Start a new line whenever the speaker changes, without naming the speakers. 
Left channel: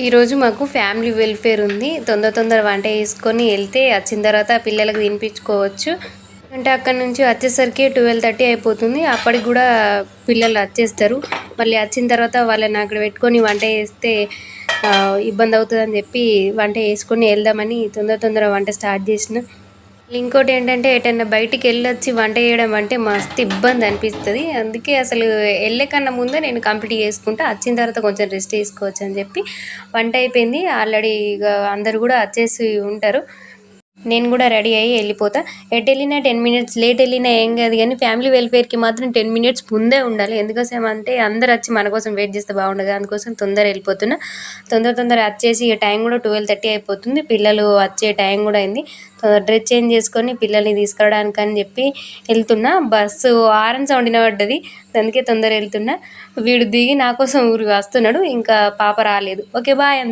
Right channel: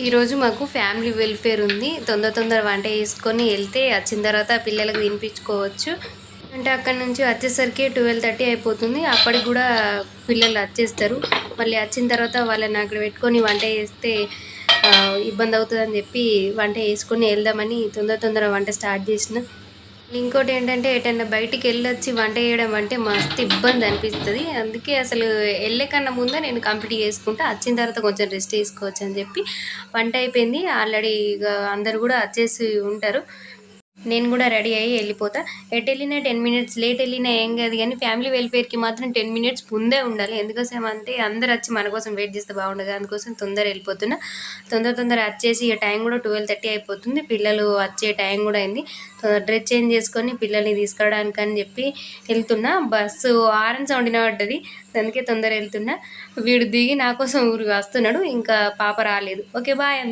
ఈరోజు మాకు family welfare ఉంది. తొందర తొందర వంట చేసుకొని వెళ్తే వచ్చిన తర్వాత పిల్లలకు తినిపించుకోవచ్చు. అంటే అక్కడ నుంచి వచ్చేసరికి ట్వెల్వ్ థర్టీ అయిపోతుంది. అప్పటికి కూడా పిల్లలు వచ్చేస్తారు. మళ్ళీ వచ్చిన తర్వాత వాళ్ళని అక్కడ పెట్టుకొని వంట చేస్తే ఇబ్బంది అవుతుందని చెప్పి వంట చేసుకొని వెళ్దామని తొందర తొందర వంట స్టార్ట్ చేసిన. ఇంకోటి ఏంటంటే ఎటన్నా బయటికి వెళ్ళొచ్చి వంట చేయడం అంటే మస్తు ఇబ్బంది అనిపిస్తుంది. అందుకే అసలు వెళ్ళే కన్నా ముందే నేను కంప్లీట్ చేసుకుంటా వచ్చిన తర్వాత కొంచెం రెస్ట్ తీసుకోవచ్చు అని చెప్పి. వంట అయిపోయింది. ఆల్రెడీ ఇక అందరు కూడా వచ్చేసి ఉంటారు. నేను కూడా రెడీ అయ్యి వెళ్ళిపోతా. ఎటు వెళ్ళినా టెన్ మినిట్స్ లేట్ వెళ్ళినా ఏం కాదు కానీ ఫ్యామిలీ వెల్ఫేర్కి మాత్రం టెన్ మినిట్స్ ముందే ఉండాలి. ఎందుకోసం అంటే అందరు వచ్చి మన కోసం వెయిట్ చేస్తే బాగుండదు. అందుకోసం తొందర వెళ్ళిపోతున్నా. తొందర తొందర వచ్చేసి టైం కూడా ట్వెల్వ్ థర్టీ అయిపోతుంది. పిల్లలు వచ్చే టైం కూడా అయింది. డ్రెస్ చేంజ్ చేసుకొని పిల్లల్ని తీసుకురావడానికి అని చెప్పి వెళ్తున్నా. బస్సు ఆరెంజ్ సౌండ్ వినబడ్డది. అందుకే తొందర వెళ్తున్నా. వీడు దిగి నా కోసం ఊరికి వస్తున్నాడు. ఇంకా పాప రాలేదు. ఓకే బాయ్ అందరు.